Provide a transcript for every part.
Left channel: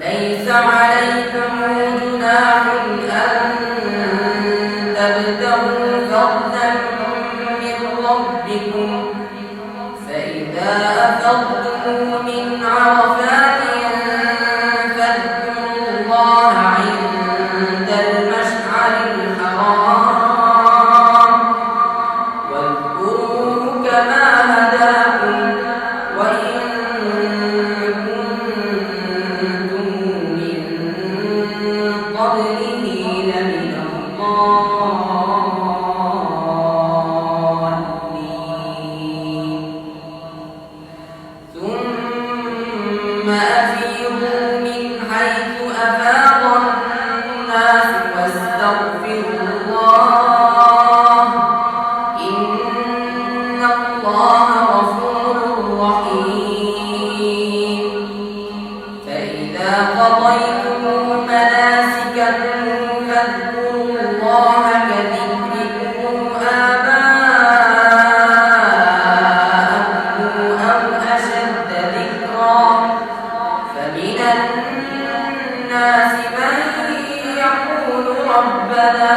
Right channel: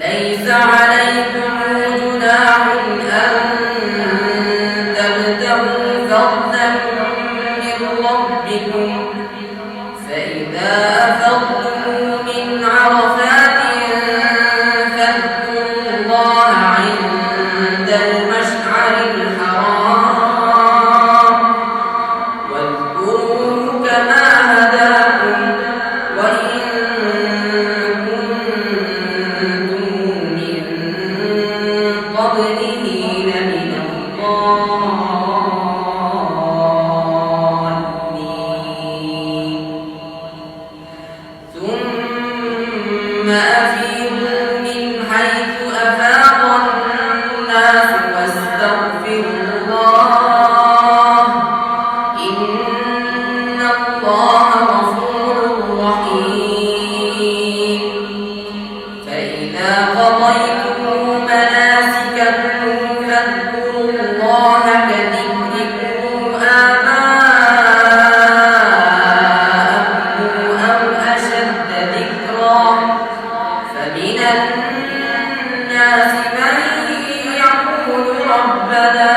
ليس عليكم جناح أن تبتغوا فضلا من ربكم فإذا أفضتم من عرفات فاذكروا الله عند المشعر الحرام واذكروه كما هداكم وإن كنتم من قبله لمن الضالين ثم أفيضوا من حيث أفاض الناس واستغفروا الله إن الله غفور رحيم فإذا قضيتم مناسككم فاذكروا الله كذكركم آباءكم أو أشد ذكرا فمن الناس من يقول ربنا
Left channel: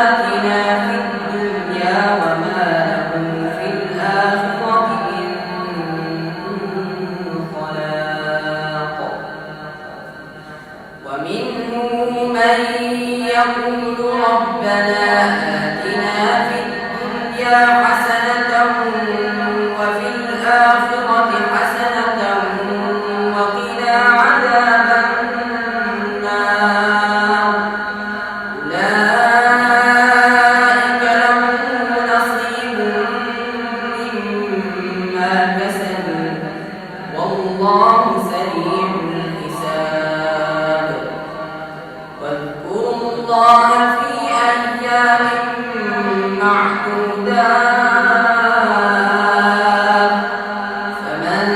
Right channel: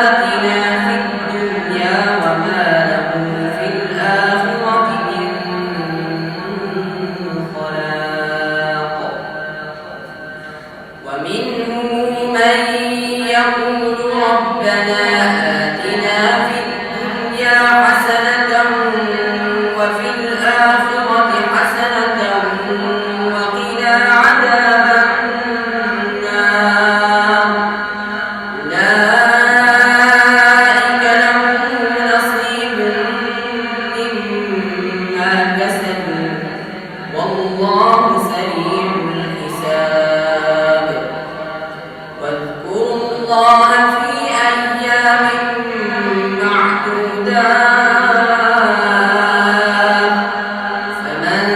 آتنا في الدنيا وما له في الآخرة من خلاق ومنهم من يقول ربنا آتنا في الدنيا حسنة وفي الآخرة حسنة وقنا عذاب النار أولئك لهم نصيب مما كسبوا والله سريع الحساب واذكروا الله في أيام معدودات فمن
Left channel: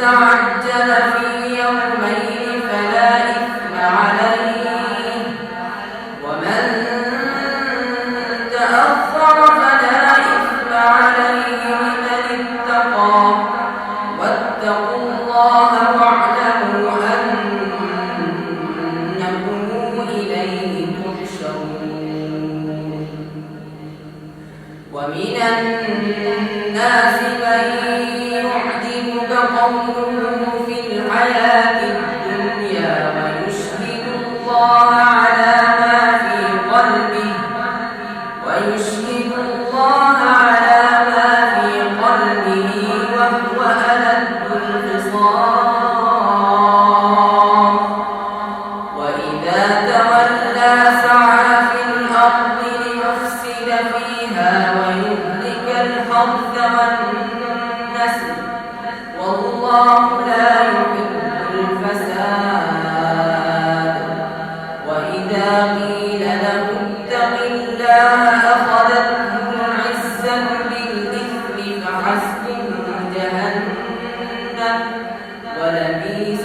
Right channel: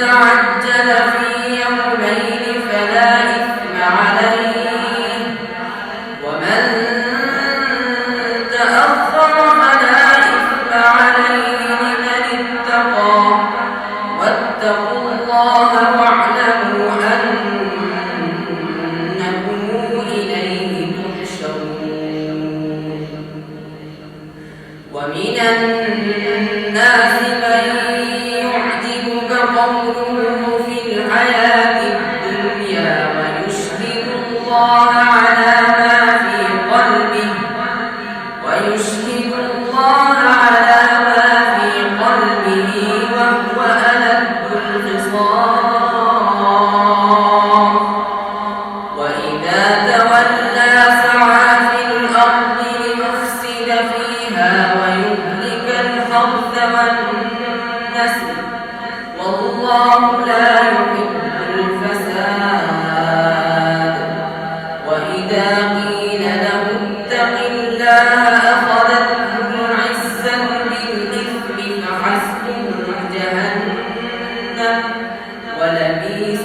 تعجل في يومين فلا إثم عليه ومن تأخر فلا إثم عليه لمن اتقى واتقوا الله واعلموا أنكم إليه تحشرون ومن الناس من يعجبك قوله في الحياة الدنيا ويشهد الله على ما في قلبه وهو ألد الخصام وإذا تولى سعى في الأرض ليفسد فيها ويهلك الحرث والنسل والله لا يحب الفساد وإذا قيل له اتق الله أخذته العزة بالإثم فحسبه جهنم ولبئس